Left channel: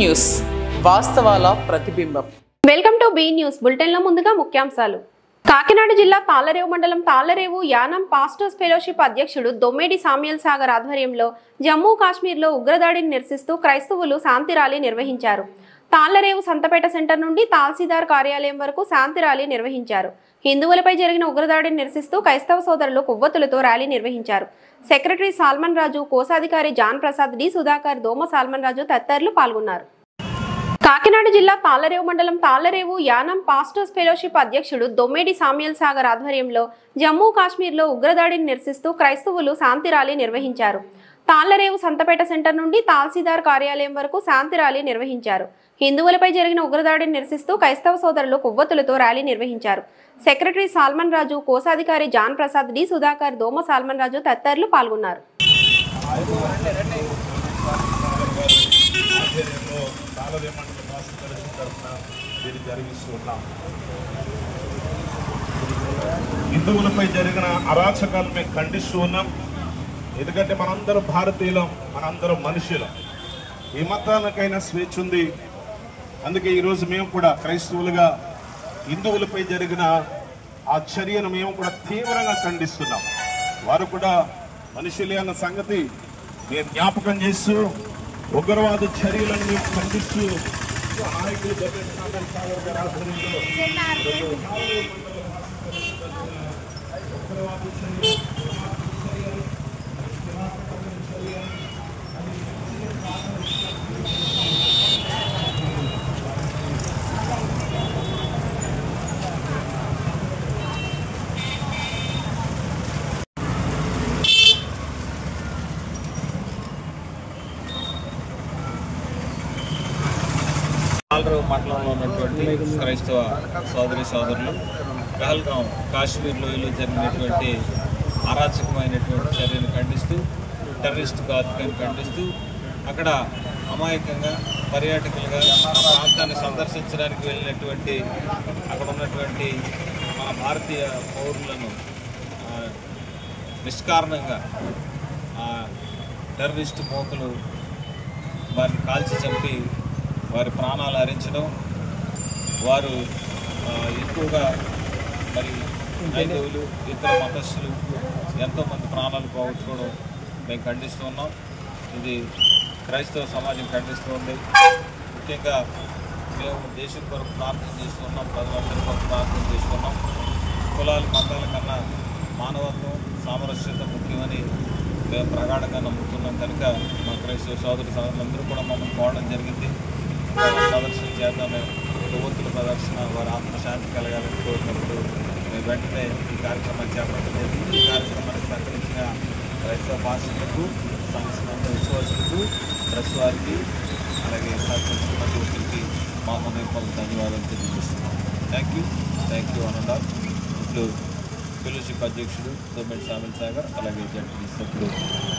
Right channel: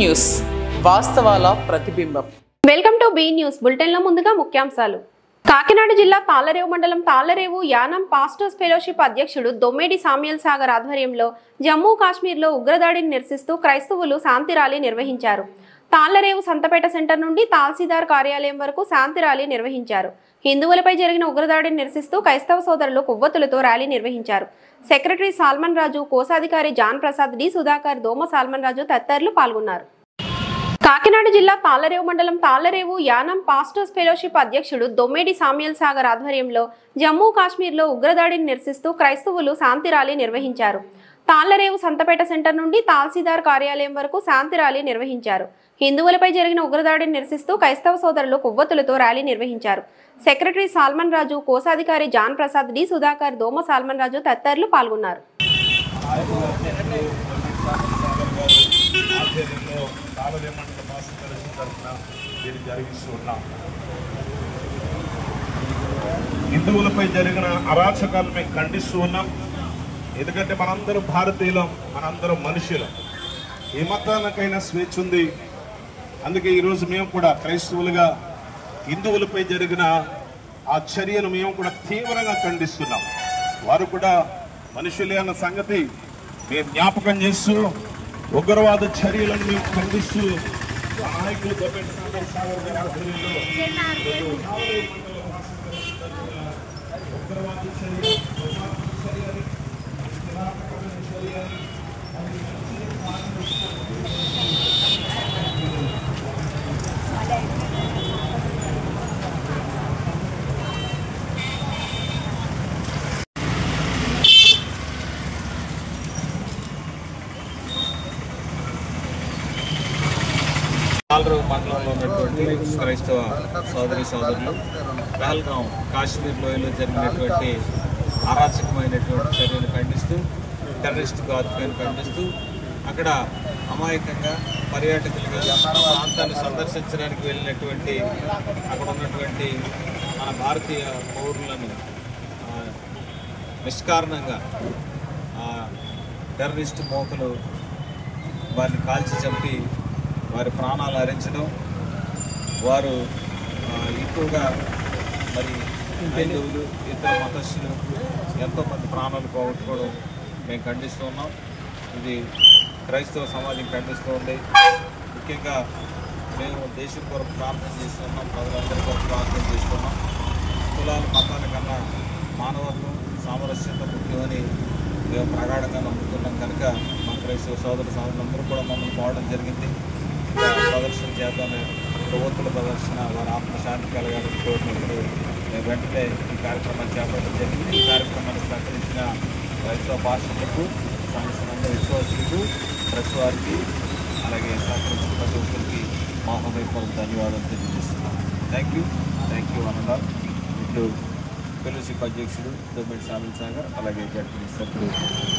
News వాస్తవాల ప్రతిబింబం. Welcome to be news bulletin లో ముందుగా ముఖ్యాంశాలు. కాకినాడ జిల్లా తాళ్లరేవు మండలం తాళ్లరేవు యానం పాస్టర్స్ ఫెలోషిప్ అధ్యక్షుడు దొమ్మేడి సామ్యుయల్ సాగర్ ఆధ్వర్యంలో జమ్మూ కాశ్మీర్లో ఉగ్రదాడిని నిరసిస్తూ క్రైస్తవులు శాంతి ర్యాలీ నిర్వహించారు. తాళ్లరేవు సంతపేట సెంటర్ నుండి తహసీల్దార్ కార్యాలయం వరకు శాంతి ర్యాలీ నిర్వహించారు. హిందువులపై జరిగిన ఉగ్రదాడిని నిరసిస్తూ క్రైస్తవ సోదరులు కొవ్వొత్తులతో ర్యాలీ నిర్వహించారు. సెక్రటరీ సాల్మన్ రాజు, కోశాధికారి జాన్ ప్రసాద్, డి సుధాకర్, దోమ సాల్మన్ రాజు తదితరులు పాల్గొన్నారు. కాకినాడ జిల్లా తాళ్లరేవు మండలం తాళ్లరేవు యానం పాస్టర్స్ ఫెలోషిప్ అధ్యక్షుడు దొమ్మేడి సామ్యుయల్ సాగర్ ఆధ్వర్యంలో జమ్మూ కాశ్మీర్లో ఉగ్రదాడిని నిరసిస్తూ క్రైస్తవులు శాంతి ర్యాలీ నిర్వహించారు. తాళ్లరేవు సంతపేట సెంటర్ నుండి తహసీల్దార్ కార్యాలయం వరకు శాంతి ర్యాలీ నిర్వహించారు. హిందువులపై జరిగిన ఉగ్రదాడిని నిరసిస్తూ క్రైస్తవ సోదరులు కొవ్వొత్తులతో ర్యాలీ నిర్వహించారు. సెక్రటరీ సాల్మన్ రాజు, కోశాధికారి జాన్ ప్రసాద్, డి సుధాకర్, దోమ సాల్మన్ రాజు తదితరులు పాల్గొన్నారు. హిందువులపై జరిగిన అరాచకాలు మేము ఖండిస్తూ ఉన్నాం. ఎందుకంటే మనందరం భారతీయులం, మనందరం మనుషులం. ఏ మతానికైనా స్వేచ్ఛ ఉంది. అందుకే ఈరోజు మేము కూడా క్రైస్తవులుగా హిందువులపై జరిగిన ఆ చర్యను మేము కూడా తీవ్రంగా ఖండిస్తున్నాం. వారు కూడా మనుషులే అన్న సంగతి మేము జ్ఞాపకం చేస్తూ ఉగ్రవాద చర్యలను మేము ఖండిస్తూ నాయకులు తాళ్లరేవు మండలంలో ఉన్నటువంటి క్రైస్తవ సోదరులు పహల్గాం కాశ్మీర్ లోయలో జరిగినటువంటి అరాచకమైనటువంటి చర్యను ఖండిస్తూ, టెర్రరిస్ట్ ఘాతుకాన్ని ఖండిస్తూ అక్కడ అమాయకంగా పర్యాటకులుగా ఆ ప్రాంతాన్ని సందర్శించడానికి వెళ్ళినటువంటి అక్కడ ఉన్నటువంటి మన భారతీయ పౌరులను నిష్కారణంగా టెర్రరిస్ట్ మోకలు వారిని కాల్చి చంపి వారి ప్రాణాలు హరించడం, వారు ఎక్కువగా మరి హైందవులు, ఇతర మతస్థులు ఎంతోమంది ప్రాణాలు పోగొట్టుకోవడం మేము ఖండిస్తూ ఉన్నాం. ఇది క్రైస్తవ సమాజం ఖండిస్తూ ఉంది. ముఖ్యంగా మేము దేశం కొరకు ప్రార్థన చేస్తున్నాం, ప్రజలందరి కొరకు ప్రార్థన చేస్తున్నాం. కులాలు మతాల కన్నా మానవత్వం, సామరస్యత ముఖ్యమని మేము ప్రగాఢంగా నమ్ముతున్నాం. కనుక మా క్రైస్తవ సోదరులందరూ కూడా మమ్మల్ని పోవడం జరిగింది. ప్రదర్శన చేద్దామని, కొవ్వొత్తుల ప్రదర్శన, వారి ఆత్మశాంతి కలగాలని కోరినప్పుడు మేము వెంటనే ఈ కార్యక్రమాన్ని చేపట్టడం జరిగింది. ఈ కార్యక్రమాన్ని సహకరించిన క్రైస్తవ పాస్టర్లకు, సంఘ విశ్వాసులకు, ప్రెస్ వారికి, అలాగే సహకరించిన ప్రతి ఒక్కరికి మా హృదయపూర్వక ధన్యవాదాలు తెలియజేస్తున్నాం. Thank you Anandal. ఇప్పుడు ఫెలోషిప్ అధ్యక్షుడు దొమ్మేడి సామ్యుయల్ సాగర్, అలాగే జడ్పీ సభ్యులు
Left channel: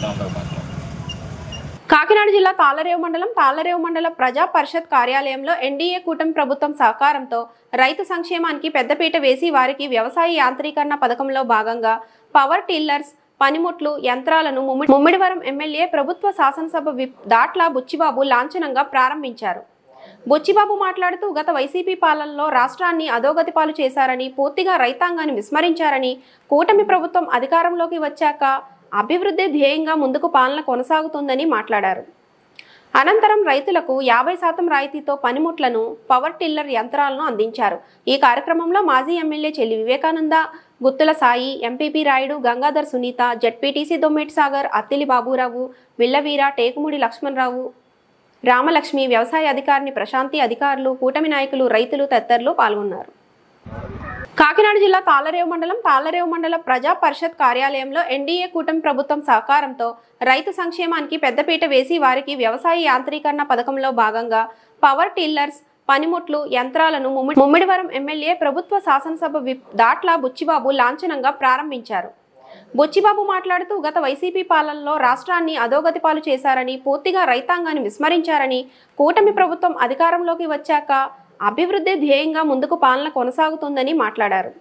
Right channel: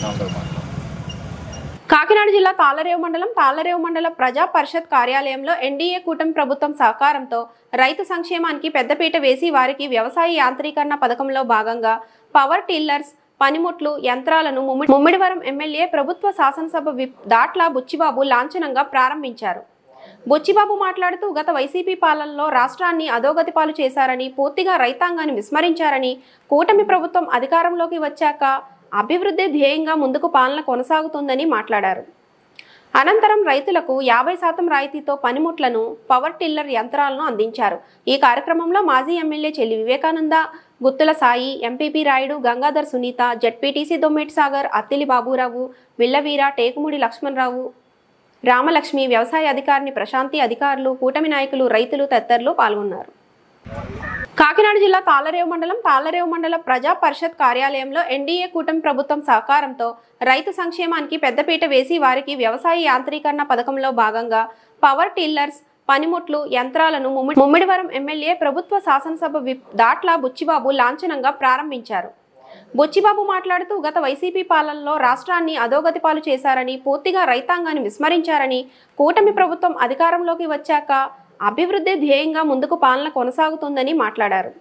రామరావు మాట్లాడారు. కాకినాడ జిల్లా తాళ్లరేవు మండల ప్రజా పరిషత్ కార్యాలయంలో ఎన్డీఏ కూటమి ప్రభుత్వం సహకారంతో రైతు సంక్షేమానికి పెద్దపీట వేసి వారికి వ్యవసాయ యాంత్రీకరణ పథకంలో భాగంగా పవర్ టిల్లర్స్, పనిముట్లు, యంత్రాలను ముమ్మిడివరం ఎమ్మెల్యే, ప్రభుత్వ శాసనసభ విప్ దాట్ల బుచ్చిబాబు లాంఛనంగా ప్రారంభించారు. బుచ్చిబాబు మాట్లాడుతూ గత వైసీపీ పాలనలో రాష్ట్రాన్ని అధోగతి పాలు చేశారని, పూర్తిగా రైతాంగాన్ని విస్మరించారని, కూటమి ప్రభుత్వం అధికారంలోకి వచ్చాక అభివృద్ధి ధ్యేయంగా ముందుకు పాలన కొనసాగుతుందని మాట్లాడారు. అనంతరం రైతులకు 50% రాయితీతో పనిముట్లను, పవర్ టిల్లర్ యంత్రాలను అందించారు. ఈ కార్యక్రమంలో మాజీ MLA Chelli Vivekananda, Guttula Sai, MPP Rayudu, Gangadhar Sunitha, ZPTC Dommeti Sagar, Attili Baburao, Villaveera, Tekumudi Lakshmanarao, Ramalakshmi, వ్యవసాయ అధికారిని ప్రశాంతి, అధికారులు, కూటమి నాయకులు, రైతులు తదితరులు పాల్గొన్నారు. కాకినాడ జిల్లా తాళ్లరేవు మండల ప్రజా పరిషత్ కార్యాలయంలో ఎన్డీఏ కూటమి ప్రభుత్వం సహకారంతో రైతు సంక్షేమానికి పెద్దపీట వేసి వారికి వ్యవసాయ యాంత్రీకరణ పథకంలో భాగంగా పవర్ టిల్లర్స్, పనిముట్లు, యంత్రాలను ముమ్మిడివరం ఎమ్మెల్యే, ప్రభుత్వ శాసనసభ విప్ దాట్ల బుచ్చిబాబు లాంఛనంగా ప్రారంభించారు. బుచ్చిబాబు మాట్లాడుతూ గత వైసీపీ పాలనలో రాష్ట్రాన్ని అధోగతి పాలు చేశారని, పూర్తిగా రైతాంగాన్ని విస్మరించారని, కూటమి ప్రభుత్వం అధికారంలోకి వచ్చాక అభివృద్ధి ధ్యేయంగా ముందుకు పాలన కొనసాగుతుందని మాట్లాడారు.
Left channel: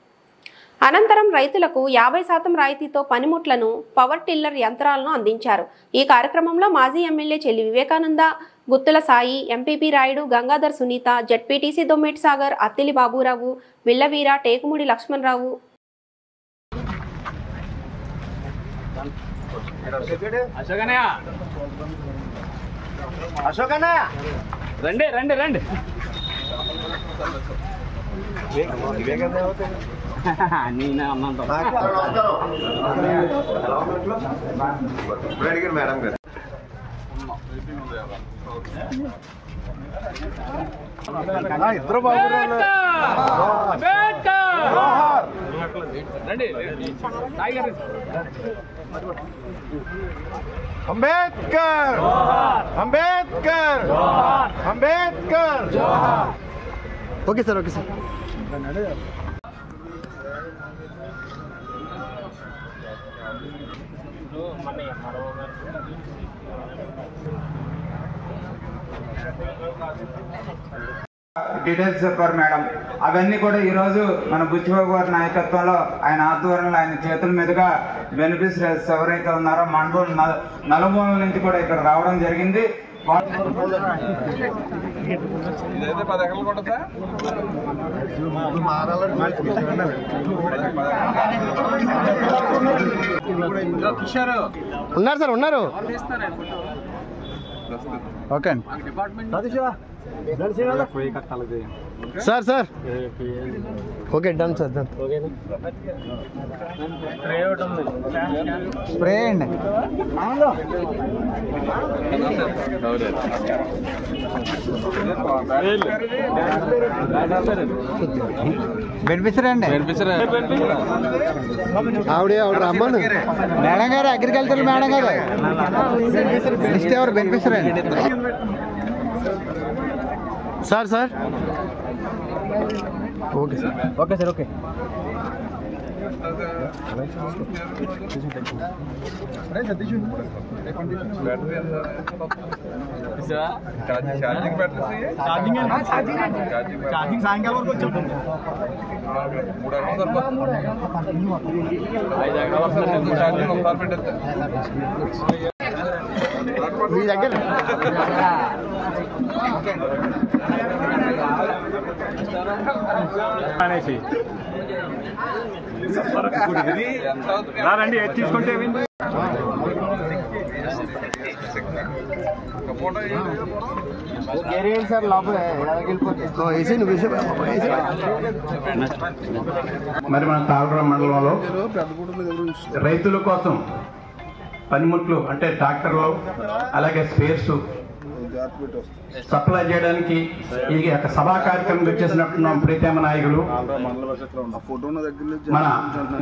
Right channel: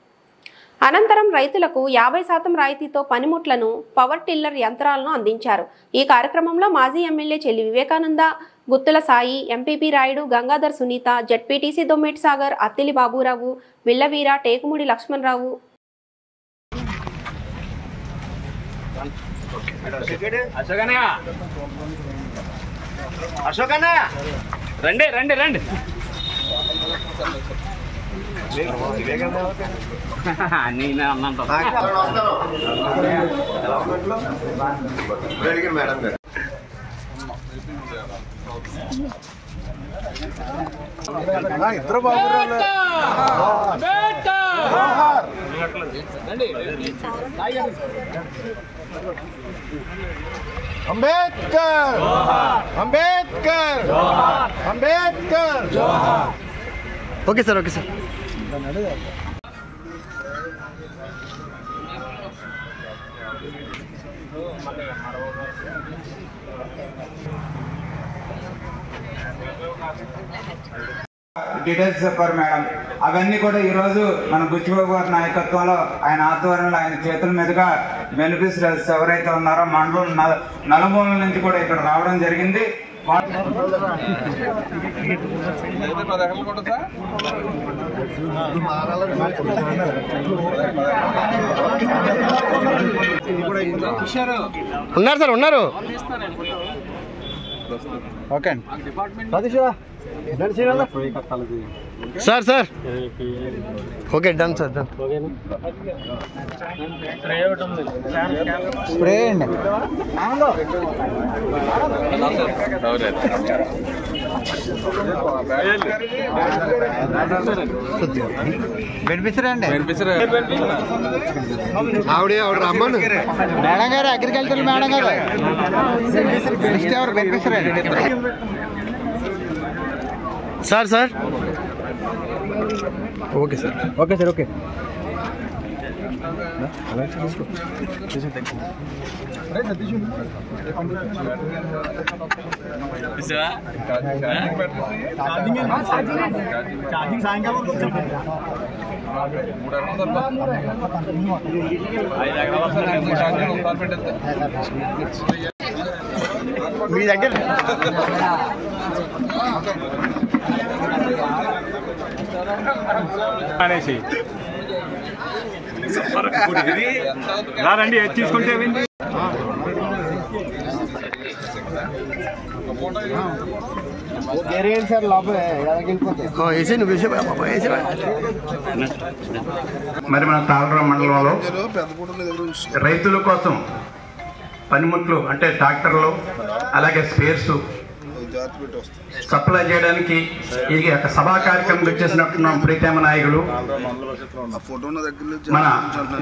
అనంతరం రైతులకు 50% రాయితీతో పనిముట్లను, పవర్ టిల్లర్ యంత్రాలను అందించారు. ఈ కార్యక్రమంలో మాజీ MLA Chelli Vivekananda, Guttula Sai, MPP Rayudu, Gangadhar Sunitha, ZPTC Dommeti Sagar, Attili Baburao, Villaveera, Tekumudi Lakshmanarao. రండి రండి రండి నేను అన్నంత మేడం గారు ఇద్దరు బాబు Ambedkar Ambedkar Ambedkar. Okay sir, okay sir. Details చెప్పారు మేడం. అవన్నీ కూడా ఈరోజు మన బుచ్చిబాబు గారి నాయకత్వంలో, ఆయన ఆధ్వర్యంలో, ఆయన చేతుల మీదుగా బెనిఫిషరీస్ ఎవరైతే ఉన్నారో మండలం నలుమూలల నుంచి కూడా ఇక్కడ రావడం జరిగింది. ఉన్నారు సార్, ఉన్నారు. Okay sir, sir okay, done sir, done. Spray అండి. బెనిఫిషరీ అండి, ఆవిడ రమ్మను. మేడం గారు, అగ్రికల్చర్ మేడం గారు, లిస్ట్ ఎవరు బెనిఫిషరీ అండి? Sir, sir okay sir, okay sir, okay. సాయంకాలం వరకు వచ్చాం. మీ దగ్గర అనేసి రండి తీసుకుంటే మరి మన తాళరావు మండలంలో రైతుల కోసం పనిముట్లు అంటే ట్రాక్టర్లు, అలాగే స్పేర్స్ సప్లై చేయడానికి ఈ యొక్క సభా కార్యక్రమం వచ్చేసినట్టున్న ప్రీతమ నాయకులు మన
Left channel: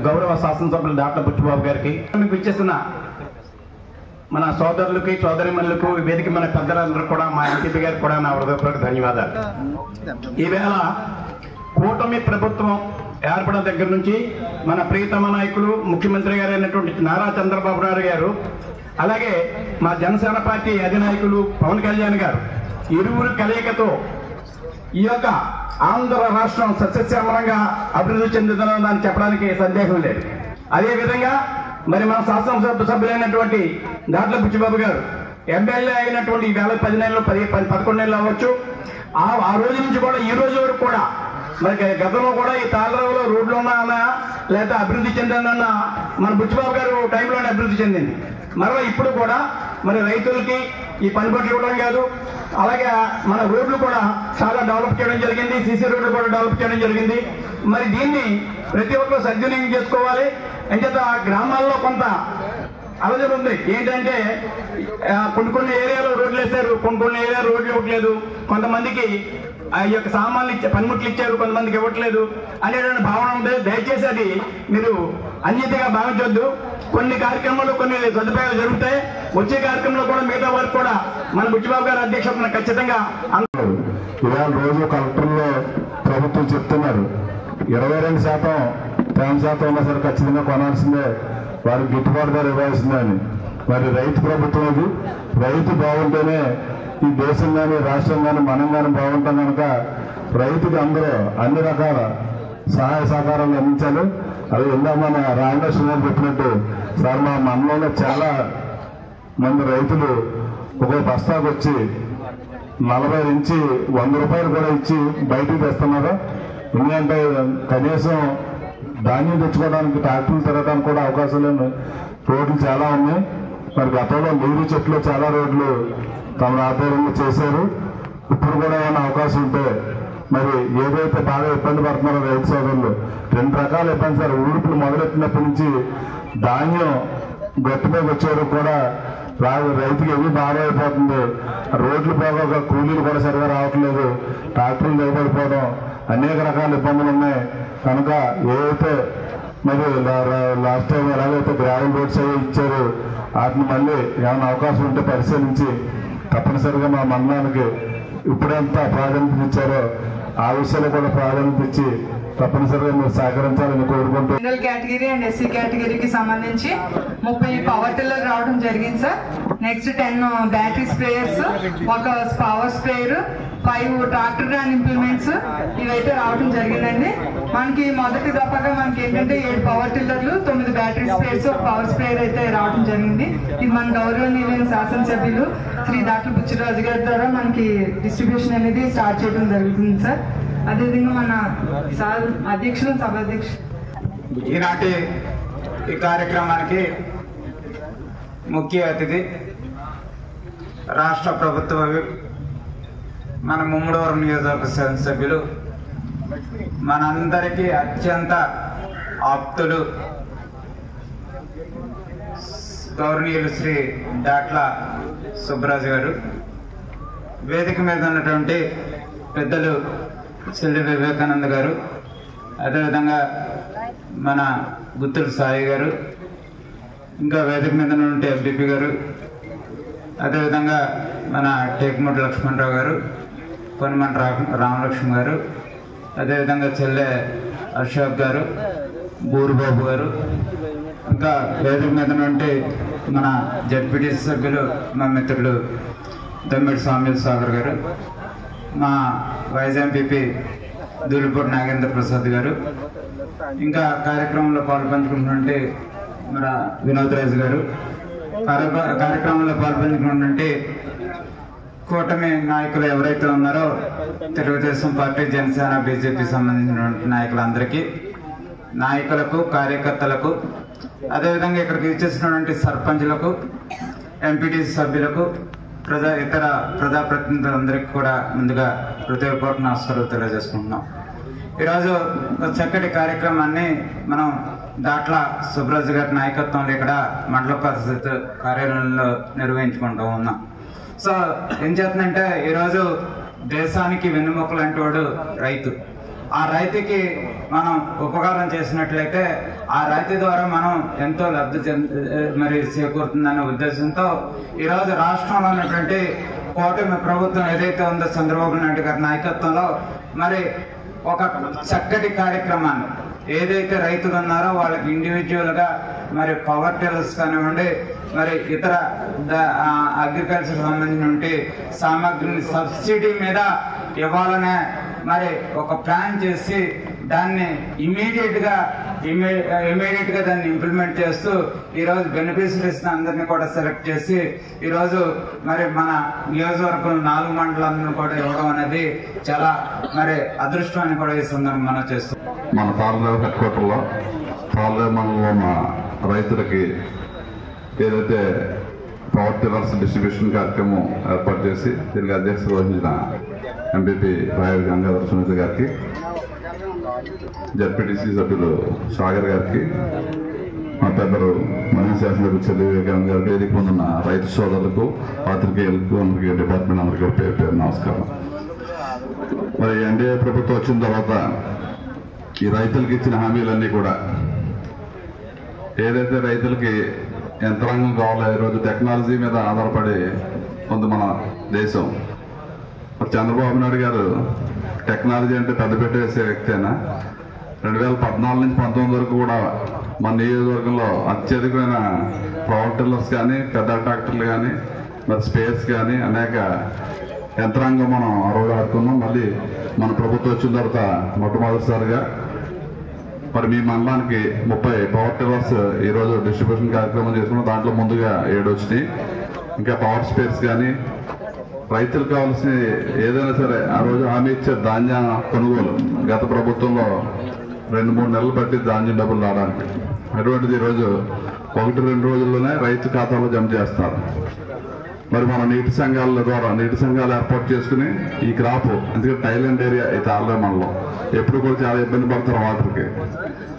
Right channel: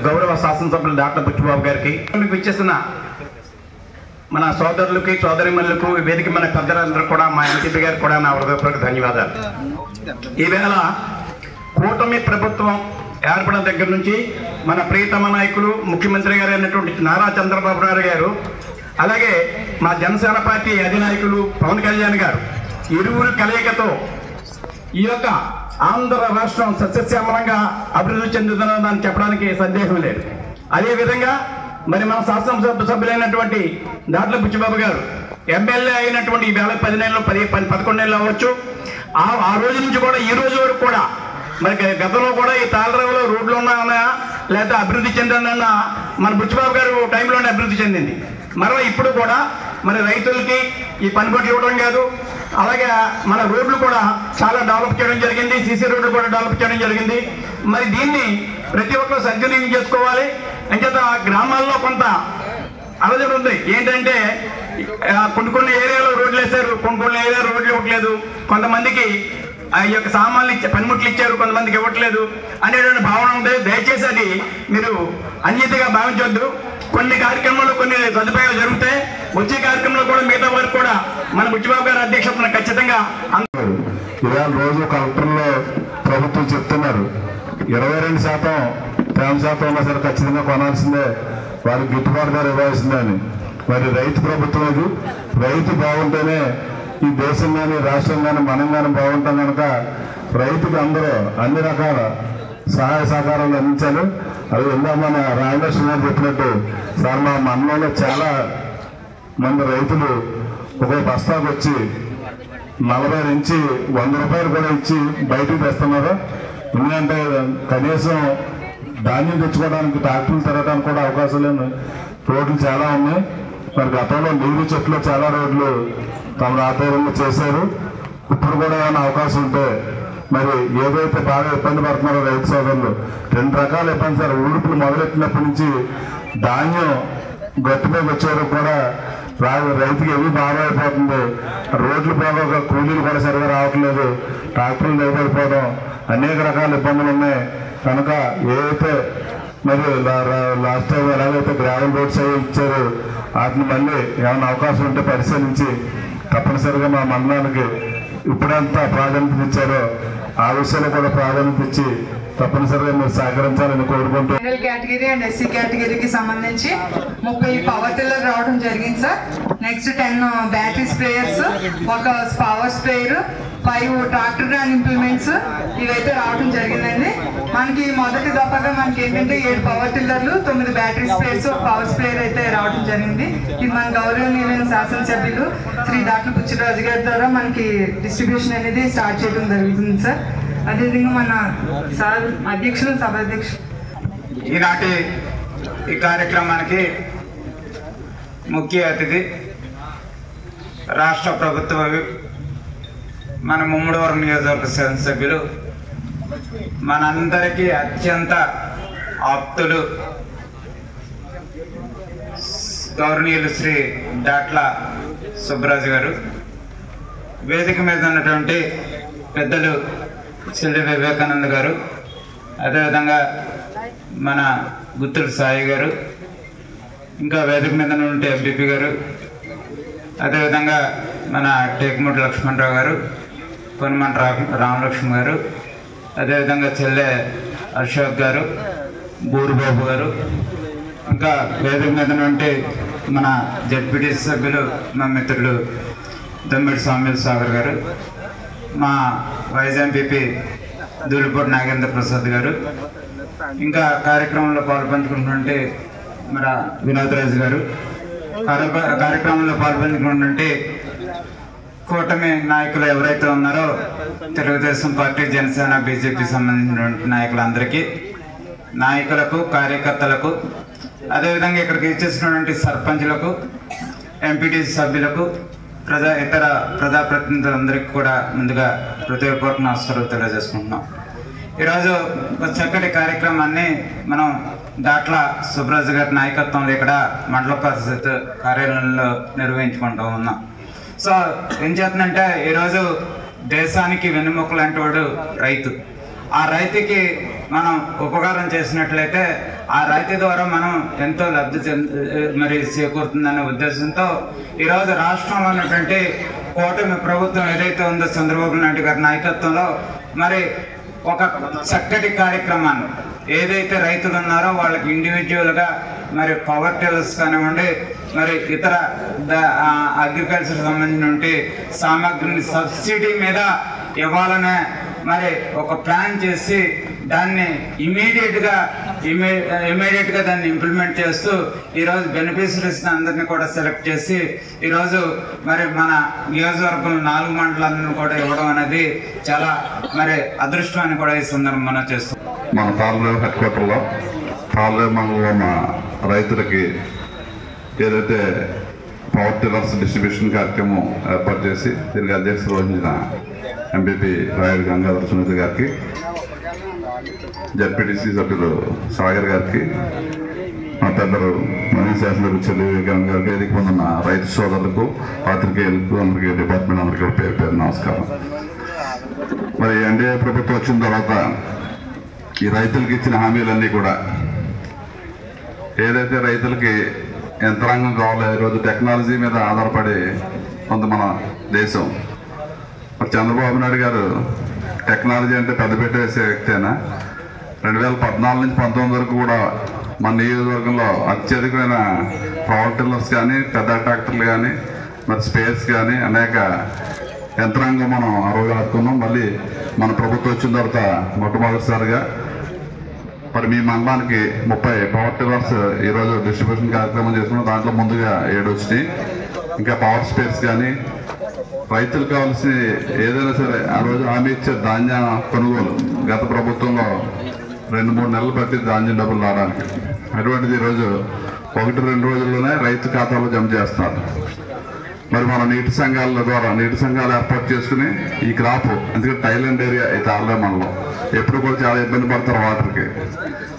గౌరవ శాసనసభ్యులు డాక్టర్ బుచ్చిబాబు గారికి, మీకు ఇచ్చేసిన మన సోదరులకి, సోదరిమణులకు, వేదిక మన పెద్దలందరూ కూడా, మా ఎంపీ గారికి కూడా నా హృదయపూర్వక ధన్యవాదాలు. ఈవేళ కూటమి ప్రభుత్వం ఏర్పడిన దగ్గర నుంచి మన ప్రియతమ నాయకులు ముఖ్యమంత్రి గారు అయినటువంటి నారా చంద్రబాబు నాయుడు గారు, అలాగే మా జనసేన పార్టీ అధినాయకులు పవన్ కళ్యాణ్ గారు ఇరువురు కలయికతో ఈ యొక్క ఆంధ్ర రాష్ట్రం సస్యశ్యామలంగా అభివృద్ధి చెందుతుందని చెప్పడానికి సందేహం లేదు. అదేవిధంగా మరి మన శాసనసభ సభ్యులైనటువంటి దాట్ల బుచ్చిబాబు గారు ఎమ్మెల్యే అయినటువంటి ఈ వేళ 10 నెలలు 11 నెలలు అవ్వచ్చు. ఆ రోజు నుంచి కూడా ఈ రోజు వరకు కూడా మరి గతంలో కూడా ఈ తాళరావులో రోడ్లు ఉన్నాయన్నా లేదా అభివృద్ధి చెందిందన్నా మన బుచ్చిబాబు గారు టైంలోనే అభివృద్ధి చెందింది. మరలా ఇప్పుడు కూడా మరి రైతులకి ఈ పనిముట్లు ఇవ్వడం కాదు, అలాగే మన రోడ్లు కూడా చాలా డెవలప్ చేయడం జరిగింది, సీసీ రోడ్లు కూడా డెవలప్ చేయడం జరిగింది. మరి దీన్ని ప్రతి ఒక్కరు సద్వినియోగం చేసుకోవాలి. అంచేత గ్రామాల్లో కొంత అలజడి ఉంది. ఏంటంటే కొన్ని ఏరియాలో రోడ్లు వేశారు, కొన్ని ఏరియా రోడ్లు ఇవ్వట్లేదు, కొంతమందికి ఈ యొక్క సామాన్లు పనిముట్లు ఇచ్చారు, కొంతమందికి ఇవ్వట్లేదు అనేటువంటి భావన ఉంది. దయచేసి అది మీరు అన్యతగా భావించవద్దు. కొన్ని కార్యక్రమాలు కొన్ని సదుపాయాలు జరుగుతాయి. వచ్చే కార్యక్రమంలో కూడా మిగతా వారికి కూడా మన బుచ్చిబాబు గారి అధ్యక్షతన ఖచ్చితంగా ఇవాళ రోజు కలెక్టర్లో ప్రభుత్వం చెప్తున్నారు 22% తేమ శాతం ఉన్నా సరే ఖచ్చితంగా కొనాల్సిందే, వారికి గిట్టుబాటు ధర ఇవ్వాల్సిందే అని. మరి రైతు ప్రభుత్వం ఇది. రైతు బాగుంటేనే ఈ దేశం కానీ రాష్ట్రం కానీ మనం కానీ బాగుంటాం కనుక రైతుకు అందరూ అన్ని రకాల సహాయ సహకారాలు అందించాలి. అది ఇందా మన రామకృష్ణ గారు చెప్పినట్టు సార్ మా మండలంలో చాలా మంది రైతులు ఒక బస్తాకు వచ్చి 40 నుంచి 100 రూపాయలు కూడా ఇచ్చి బయటికి తెస్తున్నారు. ఎందుకంటే కనీసం ధాన్యం తెచ్చుకోవడానికి ట్రాక్టర్లు తిరగడానికి కూడా అవకాశం లేని రోడ్లు చాలా ఉన్నాయి. మరి గతంలో నీరు చెట్లు చాలా రోడ్లు తమ ఆధ్వర్యంలో చేశారు. ఇప్పుడు కూడా ఏమైనా అవకాశం ఉంటే మరి ఏదైతే బాగా ఇబ్బంది పడుతున్నారో రైతు సోదరులు 2 రకాల ఇబ్బంది సార్. ఊడుపులు మొదలెట్టినప్పటి నుంచి ధాన్యం గట్టు మీద వచ్చేవారు కూడా రైతుకి ఏమీ బాగా అయిపోతుంది. రోడ్లు బాగా కూలీలు కూడా సరిగా రావట్లేదు, ట్రాక్టర్లు నిలబడిపోవడం, అనేక రకాల ఇబ్బందులు ఉన్నాయి. కనుక ఏదైతే మరి లాస్ట్ టైం ఎలాగైతే గ్రావెల్ రోడ్స్ అవి ఇచ్చారు వాటిని మళ్ళీ ఏమైనా అవకాశం ఉంటే పరిశీలించి తప్పనిసరిగా మా మండలానికి ఇప్పుడంతా ప్రాధాన్యత ఇచ్చారో ఆ విషయంలో కూడా ప్రాధాన్యత ఇచ్చి తప్పనిసరిగా మీరు సహకరించాలని కోరుకుంటూ జనరల్ కేటగిరీ అండ్ ఎస్సీ కేటగిరీకి సంబంధించి 30 పవర్ టిల్లర్ రావడం జరిగింది sir. Next 10 battery sprayers, 1 power sprayer, 5 tractor and implements ఇవైతే రావడం జరిగిందండి. మనకి మొదటి దఫాగా మనకి ఏంటంటే 7 పవర్ టిల్లర్లు, 9 బ్యాటరీ స్ప్రేయర్స్, 1 పవర్ స్ప్రేయర్ అయితే రావడం జరిగింది. ఇది మన గౌరవనీయులైన శాసనసభ్యులు శ్రీ డాక్టర్ బుచ్చిరాజు గారి ద్వారా మనకి డిస్ట్రిబ్యూషన్ అనేది స్టార్ట్ చేయడం జరుగుతుంది సార్. అదేవిధంగా మన సార్ అధ్యక్షులు, సభ అధ్యక్షులు ఈనాటి ఈ కార్యక్రమానికి ముఖ్య అతిథి రాష్ట్ర ప్రభుత్వ మన ముమ్మడివరం నియోజకవర్గ శాసనసభ్యులు, మనందరికీ అత్యంత ఆప్తులు గౌరవనీయులు శ్రీ డాట్ల సుబ్బరాజు గారు, వేదిక మీద ఉన్నటువంటి పెద్దలు సిల్లి వివేకానంద గారు, అదేవిధంగా మన గుత్తుల సాయి గారు, ఇంకా వేదిక మీద ఉంటే ఎంపీపీ గారు, అదేవిధంగా మన టేకుమూటి లక్ష్మణరావు గారు, పొన్నిమంట రామలక్ష్మి గారు, అదేవిధంగా చెల్లె అశోక్ గారు, బూరుబాబు గారు, ఇంకా వేదిక మీద ఉంటే మన జడ్పీటీ సభ్యులు మా మిత్రులు దమ్మిడి స్వామి సాగర్ గారు, మా వైస్ ఎంపీపీ దూలిపూడి నాగేంద్ర ప్రసాద్ గారు, ఇంకా కార్యక్రమంలో పాల్పంచుకుంటుంటే మన వినోద్ రాజు గారు, కార్యక్రమంలో పాల్పంచుకుంటుంటే కూటమి నాయకులు ఎవరైతే ఉన్నారో తెలుగుదేశం పార్టీ, జనసేన, బీజేపీ సంబంధించినటువంటి నాయకులందరికీ, నాయకులకు, కార్యకర్తలకు, అదేవిధంగా ఇక్కడికి ఇచ్చేసినటువంటి సర్పంచ్లకు, ఎంపీటీసీ సభ్యులకు, ఇతర ప్రజాప్రతినిధులందరికీ కూడా ముందుగా హృదయపూర్వక నమస్కారాలు తెలియజేసుకుంటున్నాం. ఈరోజు ఒక చక్కటి కార్యక్రమాన్ని మనం దాట్ల సుబ్బరాజు గారి నాయకత్వంలో ఇక్కడ మండల పరిషత్ కార్యాలయంలో నిర్వహించుకుంటూ ఉన్నాం. సో ఏం చేస్తుందంటే ఈరోజు దేశానికి వెన్నెముక లాంటి వాడు రైతు. ఆ రైతుకి మనం ఉపకారం చేసినట్లయితే ఆ రైతు ద్వారా మనం ఎంతో లబ్ధి మరి చేకూరుతుందనే ఉద్దేశంతో ఈరోజు రాష్ట్రంలో ఉన్నటువంటి కూటమి ప్రభుత్వం ఏదైతే ఉందో చంద్రబాబు నాయుడు గారి నాయకత్వంలో మరి ఒక చక్కటి కార్యక్రమాన్ని ఏదైతే రైతులు ఉన్నారో వాళ్ళకి ఇండివిజువల్ గా మరి పవర్ టిల్లర్స్ కానివ్వండి, మరి ఇతర అగ్రికల్చర్ సంబంధించిన సామాగ్రిని సబ్సిడీ మీద ఇవ్వాలనే మరి ఒక ప్లాన్ చేసి దాన్ని ఇమీడియట్ గా దాన్ని ఇంప్లిమెంట్ చేస్తూ ఈరోజు బెనిఫిషరీస్ అందరినీ కూడా సెలెక్ట్ చేసి ఈరోజు మరి మన నియోజకవర్గం 4 మండలాలను కూడా ఇవ్వడం అనేది చాలా మరి అదృష్టం అని కూడా ఈ సందర్భం మనం చేస్తాం. మన తాళరేవు హెడ్ క్వార్టర్లో తాళరేవు మండలంలో ఉన్న రైతులకి ఏదైతే పవర్ టిల్లర్స్ డిస్ట్రిబ్యూషన్ కార్యక్రమం ఏర్పాటు చేసి దీనికి అధ్యక్షత వహించిన ఎంపీపీ రాయుడు గంగాధర సునీత గారికి, జడ్పీటీసీ సభ్యులు సాగర్ గారికి, మా పెద్దలు మనీ శాసనసభ్యులు చెల్లి వివేకానంద గారికి, వేదిక పొందిన రైతు సోదరులకు, పాత్రికేయులకు, అందరికీ, డిపార్ట్మెంట్ అందరికీ పేరు పేరు నమస్కారం. మరి ఎన్డీఏ ప్రభుత్వం వచ్చిన తర్వాత ఈ రైతులకు ఇచ్చిన హామీలన్నీ కూడా ఏదైతే రైతులకి యంత్రాంగం కావాలో ఈరోజు టెక్నాలజీ మీద ఆధారపడి ఉంది మన దేశం. మరి చంద్రబాబు నాయుడు గారు టెక్నాలజీ అంటే పెద్దపీట వేసే వ్యక్తేనా? 2014 నుంచి 19 వరకు కూడా మన నియోజకవర్గంలో అత్యధికమైన పవర్ టిల్లర్స్ కానీ, పెద్ద ట్రాక్టర్లు కానీ, మరి స్పేర్స్ కానీ అనేక యంత్రాంగం మనం అరవై ఆడుకున్నాం. మళ్ళీ మన ప్రభుత్వం వచ్చిన తర్వాత మొట్టమొదటిసారిగా మరి మీ మండలానికి 30 పవర్ టిల్లర్స్ ఈరోజు డిస్ట్రిబ్యూషన్ కార్యక్రమం చేసుకున్నాం. దాంట్లో ముందుగా 7 వచ్చినాయి. ఇంకా పవర్ స్పేర్స్ కానీ రైతులకు కావాల్సి ఏదైనా సరే ఆ రోజు హామీ ఇచ్చే ధాన్య కొనుగోలు గత ప్రభుత్వంలో 2-3 నెలలు పట్టి ధాన్యం డబ్బులు రావడానికి, అటువంటిది ఈరోజు 1-2 రోజుల్లోనే రైతు ఖాతాలో జమ చేస్తున్నారు. మరి మన నీటి సంఘాల ద్వారా నీటి సంఘాలు ఏర్పాటు చేసుకుని ఈ క్రాప్, ఎందుకంటే థైలాండ్ ఏరియా అయితే ఆల్రెడీ మనలో ఎప్పుడు కూడా చాలా ఇబ్బంది పడతారు వాటర్కి.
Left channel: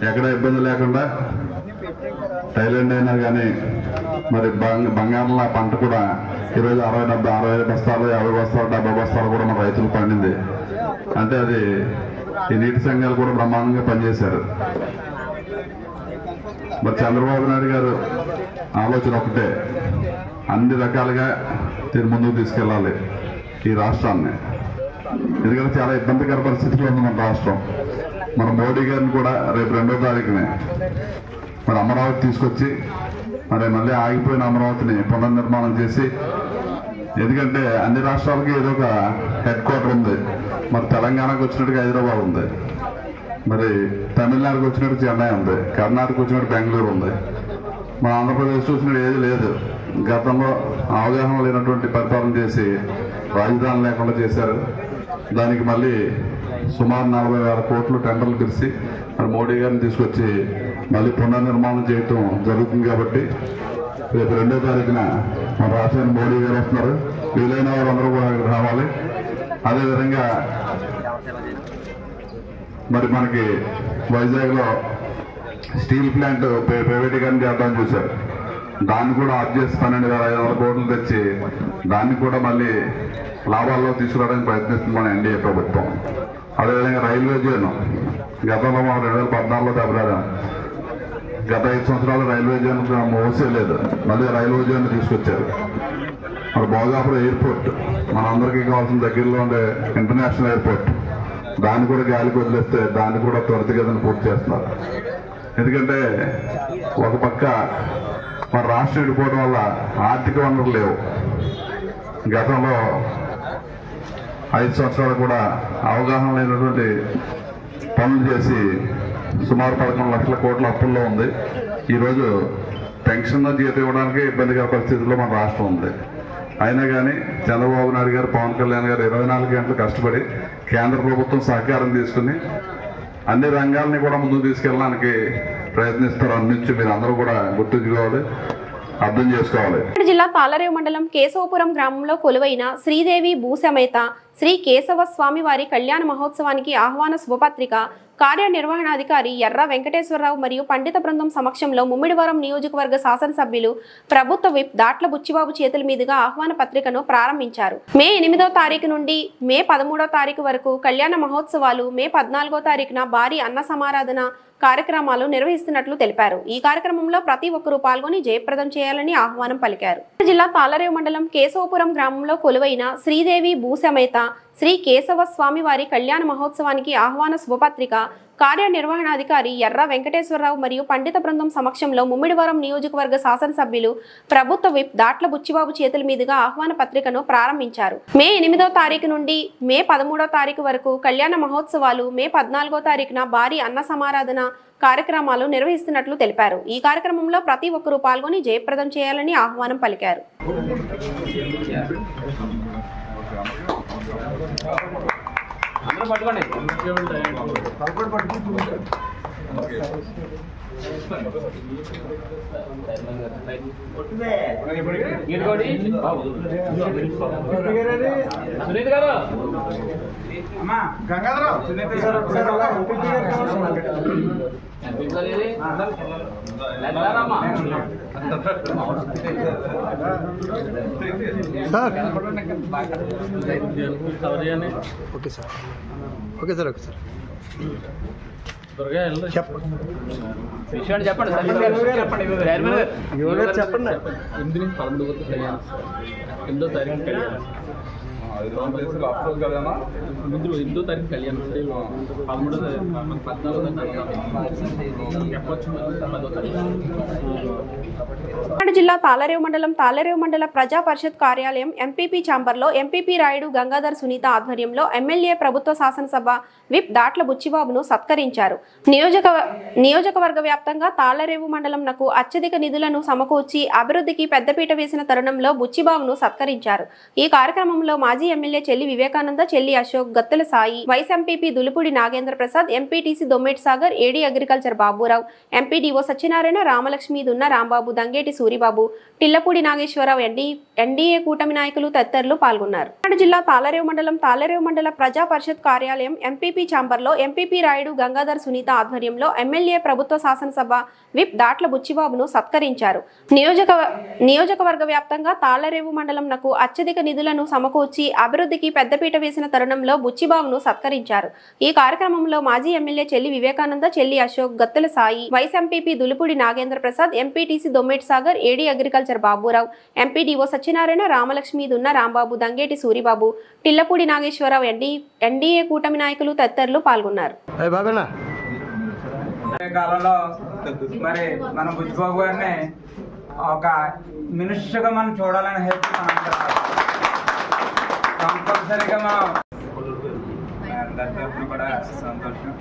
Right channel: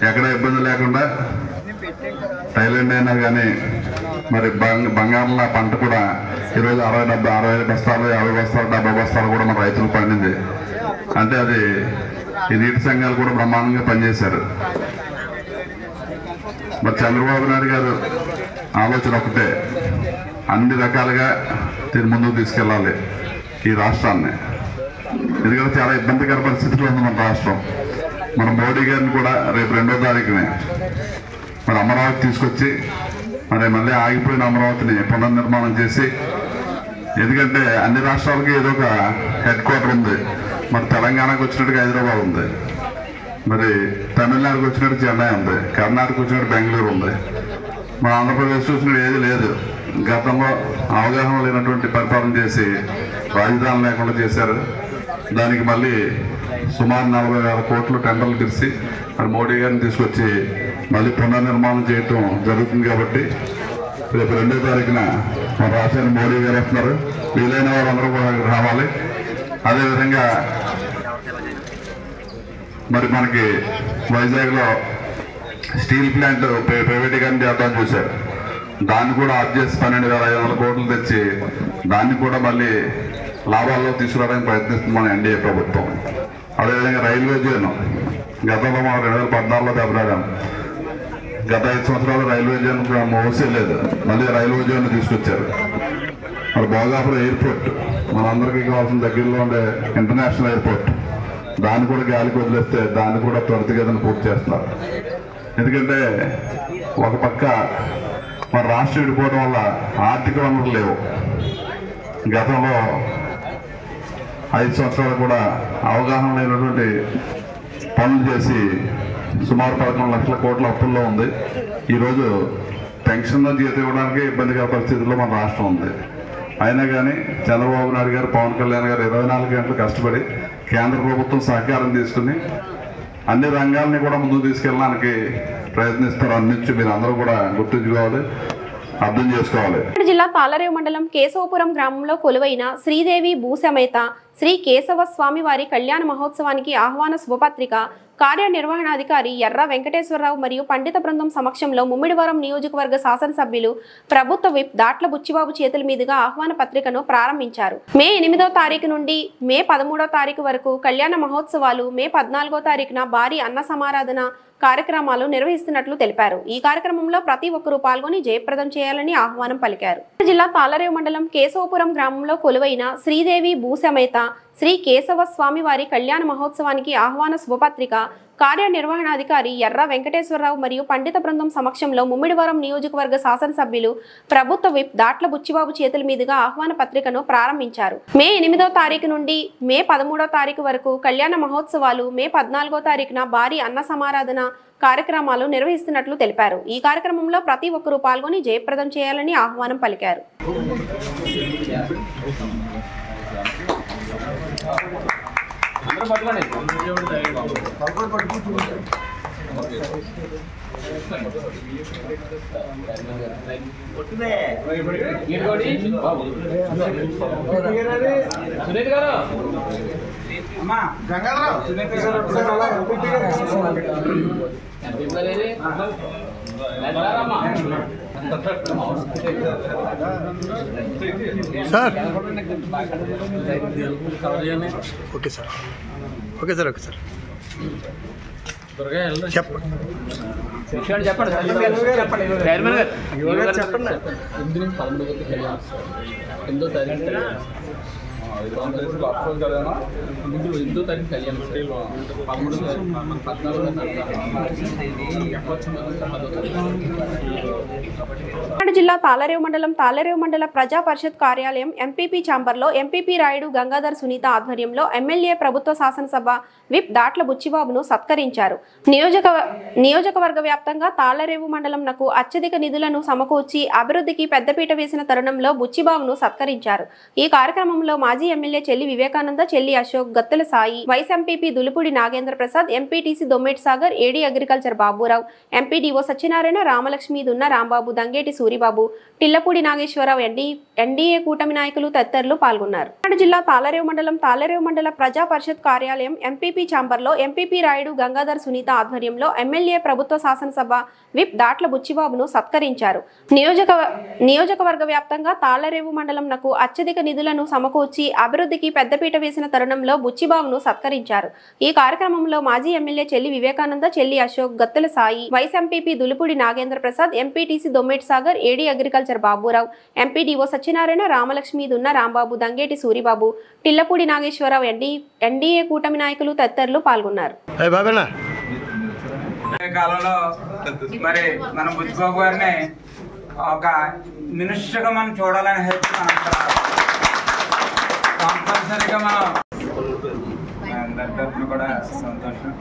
ఎక్కడ ఇబ్బంది లేకుండా థైలాండ్ అయినా కానీ మరి బంగారంలో పంట కూడా ఈరోజు 60 బస్తాలు 50 బస్తాలు 70 బస్తాలు కూడా మన రైతులు పండింది. అంటే అది ఈ నీటి సంఘాలు కూడా బ్రహ్మాండంగా పనిచేశారు. మరి చంద్రబాబు నాయుడు గారు ఆలోచన ఒకటే, అన్ని రకాలుగా దీన్ని ముందుకు తీసుకెళ్ళాలి ఈ రాష్ట్రాన్ని. ఎందుకంటే చాలా ఇబ్బందికర పరిస్థితుల్లో ఉంది మన రాష్ట్రం. మన మోడీ గారిని కూడా రేపు 2వ తారీఖునే మరి అమరావతి తీసుకొచ్చి మరి మళ్ళీ ఆగిపోయిన అమరావతిని పునర్నిర్మాణం చేసి, ఎందుకంటే అన్ని రాష్ట్రాలకి ఏదో ఒక హెడ్ క్వార్టర్ ఉంది. మరి తెలంగాణకు వచ్చినట్టుగా హైదరాబాద్ ఉంది, మరి తమిళనాడుకు వచ్చినట్టు చెన్నై ఉంది, కర్ణాటక వచ్చినట్టు బెంగళూరు ఉంది. మన ఆంధ్రప్రదేశ్ చూసినట్టు ఏది లేదు. గతంలో అవగాహన లేనటువంటి పరిపాలన చేసి రాజధాని లేకుండా చేశారు. దానికి మళ్ళీ సుమారు 40,000 కోట్లు టెండర్లు పిలిచి మరి మోడీ గారిని తీసుకొచ్చి మళ్ళీ పునర్నిర్మాణం చేయటం జరుగుతుంది. కాబట్టి రేపు 2వ తారీఖున మన రాష్ట్రానికి మోడీ గారు వస్తున్నారు. వీలైన వారందరూ కూడా రావాలి. అదేవిధంగా మరి మనకి వైజాగ్లో స్టీల్ ప్లాంట్ ప్రైవేటీకరణ చేద్దామని చూశారు. దాన్ని కూడా ఆఫ్ చేసి 12,500 కోట్లు తెచ్చి దాన్ని కూడా మళ్ళీ లాభాల్లో తీసుకురావడానికి ప్రయత్నిస్తుంది మన ఎన్డీఏ ప్రభుత్వం. అదేవిధంగా రైల్వే జోన్ గతంలో మనం 2014లో దెబ్బలాడాం. గత 5 సంవత్సరాలు రైల్వే జోన్ మోసే లేదు, మళ్ళీ రైల్వే జోన్ తీసుకొచ్చారు. మరి భోగాపురం ఎయిర్పోర్ట్ మనందరికీ కావాల్సిన దగ్గరలో ఉండే ఇంటర్నేషనల్ ఎయిర్పోర్ట్, దాన్ని కూడా గాలికి వదిలేస్తే దాన్ని కూడా త్వరితగతిన పూర్తి చేస్తున్నారు. ఎందుకంటే ఒక పక్క మన రాష్ట్రం విడిపోవడం వల్ల ఆర్థిక వనరులు లేవు. గతంలో 5 సంవత్సరాలు కూడా అవగాహన లేనటువంటి పనులు చేసి సుమారు 11 లక్షల కోట్ల అప్పుల్లో ఉంది. ఈరోజు పెన్షన్ జీతం ఇవ్వడానికి ఇబ్బందికర పరిస్థితుల్లో మన రాష్ట్రం ఉంది. అయినా కానీ చంద్రబాబు నాయుడు గారు, పవన్ కళ్యాణ్ గారు 24 గంటలు కష్టపడి కేంద్ర ప్రభుత్వం సహకారం తీసుకుని అన్ని రంగాల్ని కూడా ముందుకు తీసుకెళ్ళడానికి ప్రయత్నిస్తారు. అన్నించి మీరు అందరూ కూడా గుర్తుంచుకోవాలి, అర్థం చేసుకోవాలి. జిల్లా తాళరేవు మండలం కేశవపురం గ్రామంలో కొలువైన శ్రీదేవి భూసమేత శ్రీ కేశవ స్వామి వారి కళ్యాణ మహోత్సవానికి ఆహ్వాన శుభపత్రిక కార్యనిర్వహణాధికారి ఎర్ర వెంకటేశ్వరరావు మరియు పండిత బృందం సమక్షంలో ముమ్మిడివరం నియోజకవర్గ శాసనసభ్యులు ప్రభుత్వ విప్ దాట్ల బుచ్చిబాబు చేతుల మీదుగా ఆహ్వాన పత్రికను ప్రారంభించారు. మే 8వ తారీఖు నుండి మే 13వ తారీఖు వరకు కళ్యాణ మహోత్సవాలు, మే 14వ తారీఖున భారీ అన్న సమారాధన కార్యక్రమాలు నిర్వహిస్తున్నట్లు తెలిపారు. ఈ కార్యక్రమంలో ప్రతి ఒక్కరూ పాల్గొని జయప్రదం చేయాలని ఆహ్వానం పలికారు. జిల్లా తాళరేవు మండలం కేశవపురం గ్రామంలో కొలువైన శ్రీదేవి భూసమేత శ్రీ కేశవ స్వామి వారి కళ్యాణ మహోత్సవానికి ఆహ్వాన శుభపత్రిక కార్యనిర్వహణాధికారి ఎర్ర వెంకటేశ్వరరావు మరియు పండిత బృందం సమక్షంలో ముమ్మిడివరం నియోజకవర్గ శాసనసభ్యులు ప్రభుత్వ విప్ దాట్ల బుచ్చిబాబు చేతుల మీదుగా ఆహ్వాన పత్రికను ప్రారంభించారు. మే 8వ తారీఖు నుండి మే 13వ తారీఖు వరకు కళ్యాణ మహోత్సవాలు, మే 14వ తారీఖున భారీ అన్న సమారాధన కార్యక్రమాలు నిర్వహిస్తున్నట్లు తెలిపారు. ఈ కార్యక్రమంలో ప్రతి ఒక్కరూ పాల్గొని జయప్రదం చేయాలని ఆహ్వానం పలికారు. సునీత్ గారు sir okay sir, okay sir, okay sir చెప్పండి. చెప్పండి 8 నుంచి 11 వరకు 8వ తారీఖు 8వ తారీఖు కళ్యాణం 14 జిల్లా తాళరేవు మండల ప్రజా పరిషత్ కార్యాలయం ఎంపీపీ ఛాంబర్లో ఎంపీపీ రాయుడు గంగాధర్ సునీత ఆధ్వర్యంలో ఎమ్మెల్యే ప్రభుత్వ శాసనసభ విప్ దాట్ల బుచ్చిబాబును సత్కరించారు. నియోజకవర్గ వ్యాప్తంగా తాళరేవు మండలంనకు అత్యధిక నిధులను సమకూర్చి అభివృద్ధికి పెద్దపీట వేసిన తరుణంలో బుచ్చిబాబును సత్కరించారు. ఈ కార్యక్రమంలో మాజీ MLA Chelli Vivekananda, Chelli Ashok, Gattula Sai, vice MPP Dulupudi Nagendra Prasad, MPTC Dommeti Sagar, AD agriculture Baburao, MPDO Satyanarayana, Ramalakshmi, Dunna Rambabu, Dangeti Suribabu, Tillapudi Nageswararao, NDA కూటమి నాయకులు తదితరులు పాల్గొన్నారు. జిల్లా తాళరేవు మండల ప్రజా పరిషత్ కార్యాలయం ఎంపీపీ ఛాంబర్లో ఎంపీపీ రాయుడు గంగాధర్ సునీత ఆధ్వర్యంలో ఎమ్మెల్యే ప్రభుత్వ శాసనసభ విప్ దాట్ల బుచ్చిబాబును సత్కరించారు. నియోజకవర్గ వ్యాప్తంగా తాళరేవు మండలంనకు అత్యధిక నిధులను సమకూర్చి అభివృద్ధికి పెద్దపీట వేసిన తరుణంలో బుచ్చిబాబును సత్కరించారు. ఈ కార్యక్రమంలో మాజీ MLA Chelli Vivekananda, Chelli Ashok, Gattula Sai, vice MPP Dulupudi Nagendra Prasad, MPTC Dommeti Sagar, AD agriculture Baburao, MPDO Satyanarayana, Ramalakshmi, Dunna Rambabu, Dangeti Suribabu, Tillapudi Nageswararao, NDA కూటమి నాయకులు తదితరులు పాల్గొన్నారు. కాలంలో మరి మన బుచ్చిబాబు గారిని ఒక మినిస్టర్గా మనం చూడాలని హెల్ప్ కంపల్సరీగా మనం అందరి తరఫున కూడా సంతోషం.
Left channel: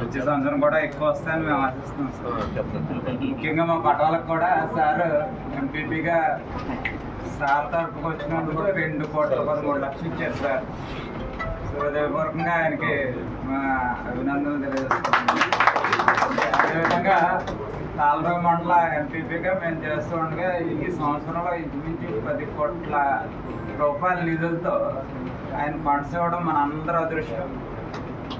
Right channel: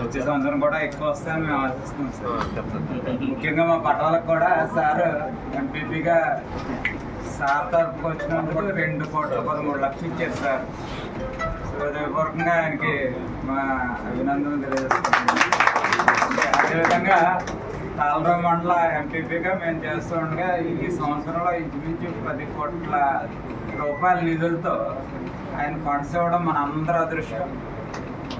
వచ్చే సంవత్సరం కూడా ఎక్కువ వస్తాయని మేము ఆశిస్తున్నాం సార్. ముఖ్యంగా మా పట్టణాలకు కూడా సార్ ఎంపీపీగా సార్ తరఫుకి వచ్చినప్పుడు కూడా 2,13,00,000 ఇచ్చారు సార్. హృదయపూర్వకంగా ఆయనకి మా అభినందనలు తెలియజేస్తున్నాం. అదేవిధంగా తాళరేవు మండల ఎంపీపీగా మేము చేస్తూ ఉండగా ఈ సంవత్సరంలో ఇంచుమించు 10 కోట్ల రూపాయల నిధులతో ఆయన ఫండ్స్ ఇవ్వడం మన అందరి అదృష్టం.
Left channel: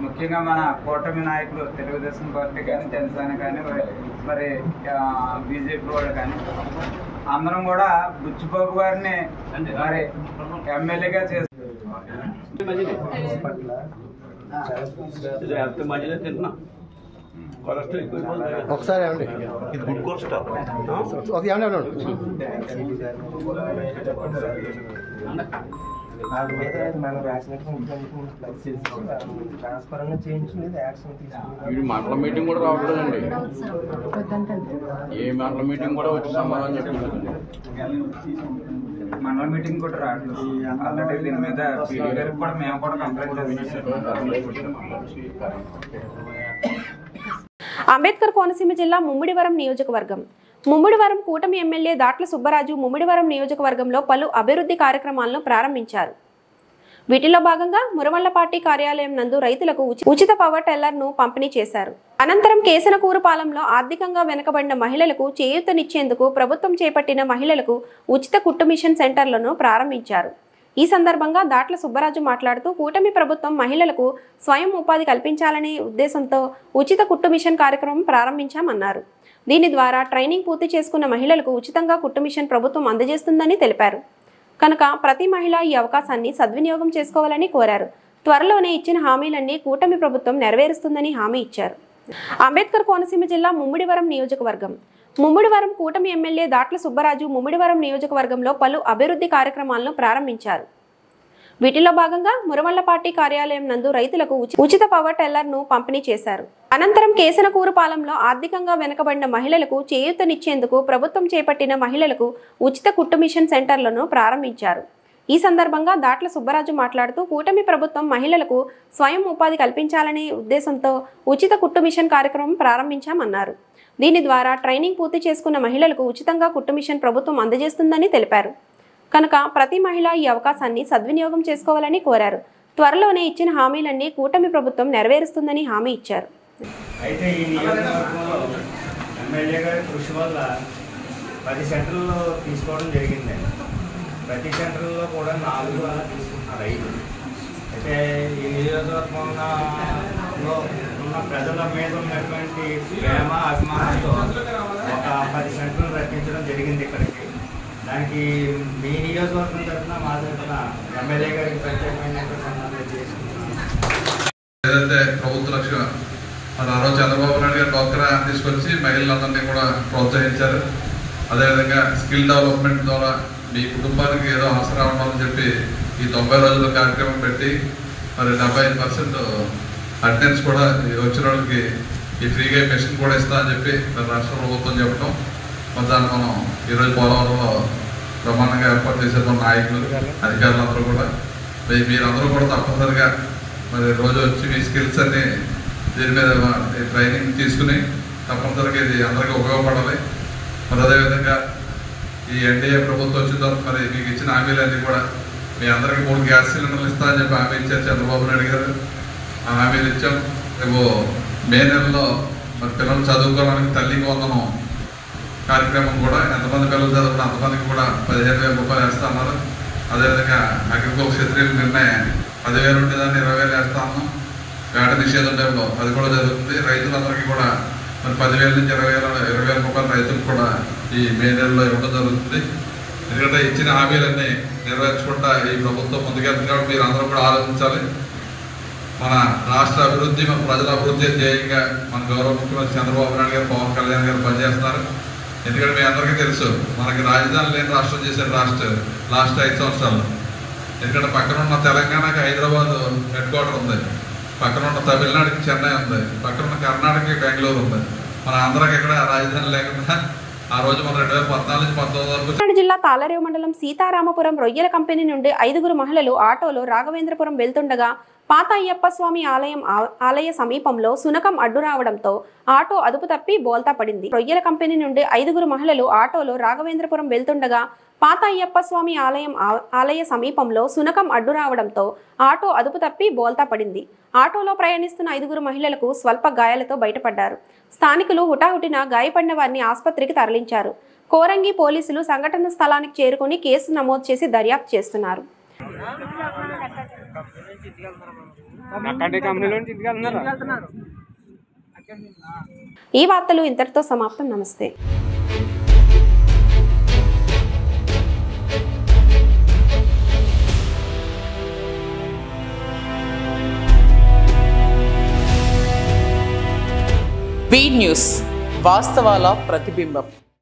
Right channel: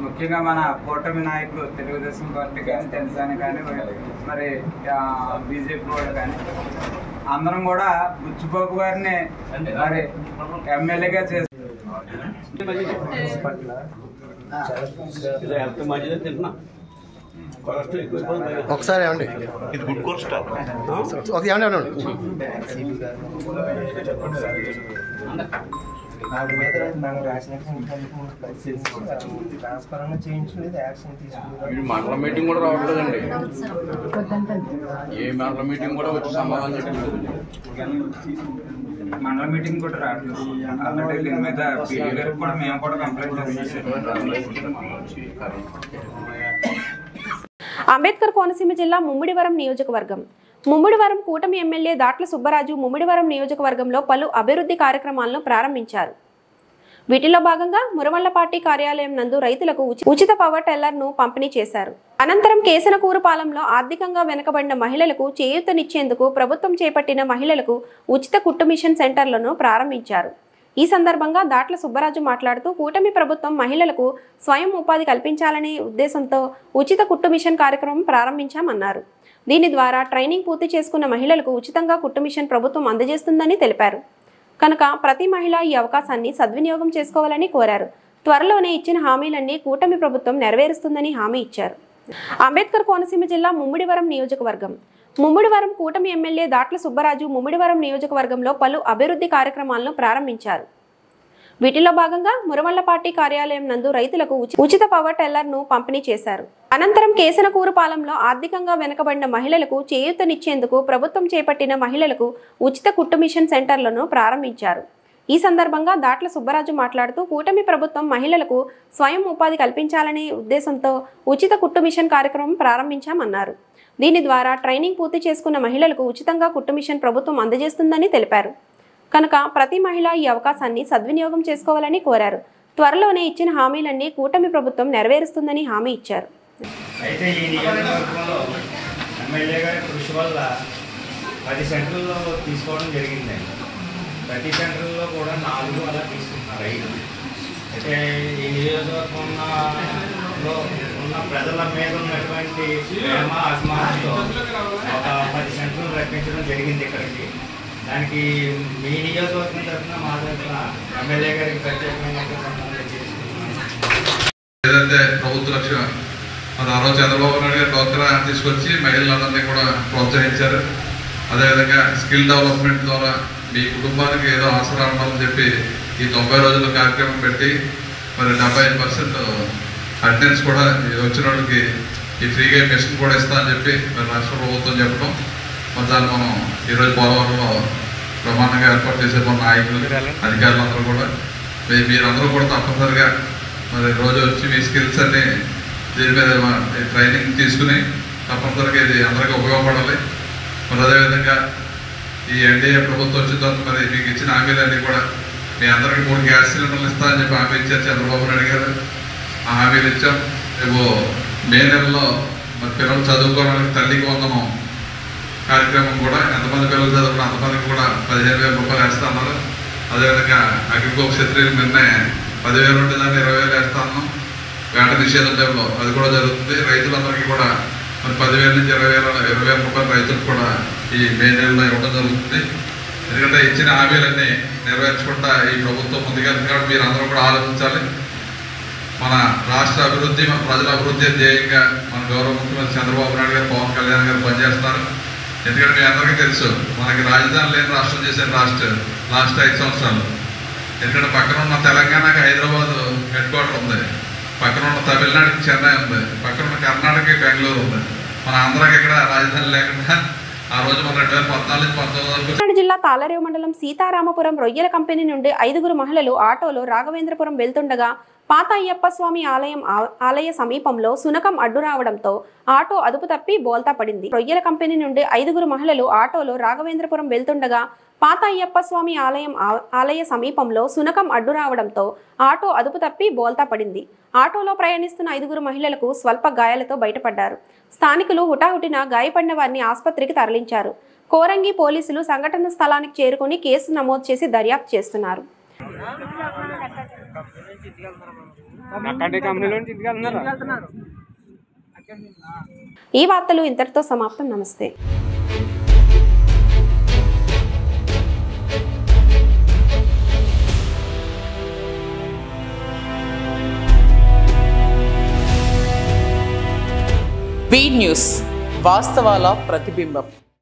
ముఖ్యంగా మన కూటమి నాయకులు తెలుగుదేశం పార్టీ కానీ, జనసేన కానీ, మరి బీజేపీ వాళ్ళు కానీ అందరం కూడా బుచ్చిబాబు గారిని మరి ఎమ్మెల్యేగా చేస్తారు. ఒకసారి ఏమండి వాళ్ళ మీద మనం రాసినట్టు ట్రాన్స్ఫర్ చేయించలేదు, యాక్షన్ తీసుకుని మండల మీటింగ్ కూడా రావట్లేదండి. ఏ మండల మీటింగ్ కూడా వచ్చి సమాధానం చెప్పలేదు. మండల మీటింగ్ కూడా రావట్లేదు. ఆల్రెడీ దీని మీద పీడీ గారికి కూడా మేము కూడా కంప్లైంట్ చేస్తాం. అంబేద్కర్ కోనసీమ జిల్లా ముమ్మిడివరం నియోజకవర్గం. ముమ్మిడివరం కూటమి ఎమ్మెల్యే దాట్ల సుబ్బరాజు ముమ్మిడివరం నియోజకవర్గంలో పలు అభివృద్ధి కార్యక్రమాలను ప్రారంభించారు. వీటిలో భాగంగా మురమల్లపాటి కార్యాలయం నందు రైతులకు ఉచిత పవర్ టెల్లర్ను పంపిణీ చేశారు. అనంతరం కేసనకూరుపాలెంలో ఆర్థికంగా వెనుకబడిన మహిళలకు చేయూతనిచ్చేందుకు ప్రభుత్వం చేపట్టిన మహిళలకు ఉచిత కుట్టు మిషన్ సెంటర్లను ప్రారంభించారు. ఈ సందర్భంగా దాట్ల సుబ్బరాజు మాట్లాడుతూ కూటమి ప్రభుత్వం మహిళలకు స్వయం ఉపాధి కల్పించాలనే ఉద్దేశంతో ఉచిత కుట్టు మిషన్ కార్యక్రమం ప్రారంభించామన్నారు. దీని ద్వారా ట్రైనింగ్ పూర్తి చేసుకున్న మహిళలకు ఉచితంగా కుట్టు మిషన్ ప్రభుత్వం అందజేస్తుందని తెలిపారు. కనుక ప్రతి మహిళ ఈ అవకాశాన్ని సద్వినియోగం చేసుకోవాలని కోరారు. త్వరలోనే ఇచ్చిన హామీలన్నీ కూటమి ప్రభుత్వం నెరవేరుస్తుందని హామీ ఇచ్చారు. అంబేద్కర్ కోనసీమ జిల్లా ముమ్మిడివరం నియోజకవర్గం. ముమ్మిడివరం కూటమి ఎమ్మెల్యే దాట్ల సుబ్బరాజు ముమ్మిడివరం నియోజకవర్గంలో పలు అభివృద్ధి కార్యక్రమాలను ప్రారంభించారు. వీటిలో భాగంగా మురమల్లపాటి కార్యాలయం నందు రైతులకు ఉచిత పవర్ టెల్లర్ను పంపిణీ చేశారు. అనంతరం కేసనకూరుపాలెంలో ఆర్థికంగా వెనుకబడిన మహిళలకు చేయూతనిచ్చేందుకు ప్రభుత్వం చేపట్టిన మహిళలకు ఉచిత కుట్టు మిషన్ సెంటర్లను ప్రారంభించారు. ఈ సందర్భంగా దాట్ల సుబ్బరాజు మాట్లాడుతూ కూటమి ప్రభుత్వం మహిళలకు స్వయం ఉపాధి కల్పించాలనే ఉద్దేశంతో ఉచిత కుట్టు మిషన్ కార్యక్రమం ప్రారంభించామన్నారు. దీని ద్వారా ట్రైనింగ్ పూర్తి చేసుకున్న మహిళలకు ఉచితంగా కుట్టు మిషన్ ప్రభుత్వం అందజేస్తుందని తెలిపారు. కనుక ప్రతి మహిళ ఈ అవకాశాన్ని సద్వినియోగం చేసుకోవాలని కోరారు. త్వరలోనే ఇచ్చిన హామీలన్నీ కూటమి ప్రభుత్వం నెరవేరుస్తుందని హామీ ఇచ్చారు. అయితే ఈ నియోజకవర్గంలో ఎమ్మెల్యే గారి కృషి వల్ల 10 సెంటర్లు తీసుకోవడం జరిగిందండి. ప్రతి సెంటర్లో కూడా 4 అలా తీసుకుంటున్నారు, 5. అయితే ఈ నియోజకవర్గంలో ఉన్న ప్రజల మీద ఉన్నటువంటి ప్రేమ అభిమానంతో ఒక 10 సెంటర్లు రప్పించడం జరిగింది ఇక్కడికి. దానికి మీ నియోజకవర్గం తరఫున మా తరఫున ఎమ్మెల్యే గారికి ప్రత్యేకమైన ఏదైతే ప్రభుత్వ లక్ష్యం మరి ఆ రోజు చంద్రబాబు నాయుడు గారు డ్వాక్రా తీసుకొచ్చి మహిళలందరినీ కూడా ప్రోత్సహించారు. అదేవిధంగా స్కిల్ డెవలప్మెంట్ ద్వారా మీ కుటుంబానికి ఏదో ఆసరా ఉండాలని చెప్పి ఈ 90 రోజుల కార్యక్రమం పెట్టి మరి 75% అటెండెన్స్ కూడా వచ్చిన వాళ్ళకి ఈ ఫ్రీగా మెషిన్ కూడా ఇస్తా అని చెప్పి మరి రాష్ట్ర ప్రభుత్వం చెప్పడం, మరి దాన్ని మనం ఈరోజు పోలవరంలో బ్రహ్మాండంగా ఏర్పాటు చేసే మన నాయకులు అధికారులందరూ కూడా మీరందరూ కూడా తప్పనిసరిగా మరి రోజు వచ్చి మీ స్కిల్స్ అన్ని దీని మీద ట్రైనింగ్ తీసుకుని తప్పనిసరిగా ఇది అందరికీ ఉపయోగపడాలి. మరి అదేవిధంగా ఈ ఎన్డీఏ ప్రభుత్వం వచ్చిన తర్వాత మరి మీకు ఇచ్చిన హామీలన్నీ కూడా మీ అందరికీ 3 గ్యాస్ సిలిండర్లు ఇస్తా అని చెప్పి హామీ ఇచ్చారు చంద్రబాబు నాయుడు గారు. ఆ హామీలు ఇచ్చాం. రేపు మే నెలలో మరి పిల్లలు చదువుకోవడానికి తల్లికి వందనం కార్యక్రమం కూడా ఎంతమంది పిల్లలు చదువుకున్నా అంతమందికి కూడా 15,000 రూపాయలు వేస్తా ఉన్నారు. అదేవిధంగా అగ్రికల్చర్ క్షత్రియుల నిన్నే 10,000 ఉండేదాన్ని 20,000 వేస్తా ఉన్నాం. వేట నిషేధం టైంలో అది కూడా జరుగుతుంది. రైతులందరికీ కూడా మరి 10,000 నుంచి 20,000 రూపాయలు రైతులకు కూడా ఈ మే నెలలో ఇవ్వడం జరుగుతుంది. ఎందుకంటే ఇచ్చిన హామీలన్నీ నెరవేర్చుకుంటా ఈ ప్రభుత్వం ముందుకెళ్తుంది. కాబట్టి మీరు అందరూ కూడా ఆలోచించాలి. మన రాష్ట్ర అభివృద్ధి, మన ప్రజల అభివృద్ధి ధ్యేయంగా మన గౌరవ ముఖ్యమంత్రి చంద్రబాబు నాయుడు గారు, పవన్ కళ్యాణ్ గారు పనిచేస్తున్నారు. ఎందుకంటే మీ అందరికీ తెలుసు మనకి రాజధాని లేని రాష్ట్రం చేసిన లాస్ట్ 5 సంవత్సరాలు. ఎందుకంటే పక్కన ఉన్న తెలంగాణకి హైదరాబాద్ హెడ్ క్వార్టర్ ఉంది, పక్కన ఉన్న తమిళనాడుకి చెన్నై ఉంది, పక్కన ఉన్న కర్ణాటకకి బెంగళూరు ఉంది. మన ఆంధ్రాకి ఎక్కడ రాజధాని లేకుండా ఆ రోజు మన 2014-19 వరకు. కాకినాడ జిల్లా తాళరేవు మండలం సీతారామపురం రొయ్యల కంపెనీ నుండి 5గురు మహిళలు ఆటోలో రాఘవేంద్రపురం వెళ్తుండగా పాత అయ్యప్ప స్వామి ఆలయ సమీపంలో సునకం అడ్డు రావడంతో ఆటో అదుపు తప్పి బోల్తా పడింది. రొయ్యల కంపెనీ నుండి 5గురు మహిళలు ఆటోలో రాఘవేంద్రపురం వెళ్తుండగా పాత అయ్యప్ప స్వామి ఆలయ సమీపంలో సునకం అడ్డు రావడంతో ఆటో అదుపు తప్పి బోల్తా పడింది. ఆటోలో ప్రయాణిస్తున్న 5గురు మహిళలకు స్వల్ప గాయాలతో బయటపడ్డారు. స్థానికులు హుటాహుటిన గాయపడిన వారిని ఆసుపత్రికి తరలించారు. కోరంగి పోలీసులు సంఘటన స్థలానికి చేరుకుని కేసు నమోదు చేసి దర్యాప్తు చేస్తున్నారు. ఈ వార్తలు ఇంతటితో సమాప్తం. నమస్తే. బీ న్యూస్, వాస్తవాల ప్రతిబింబం.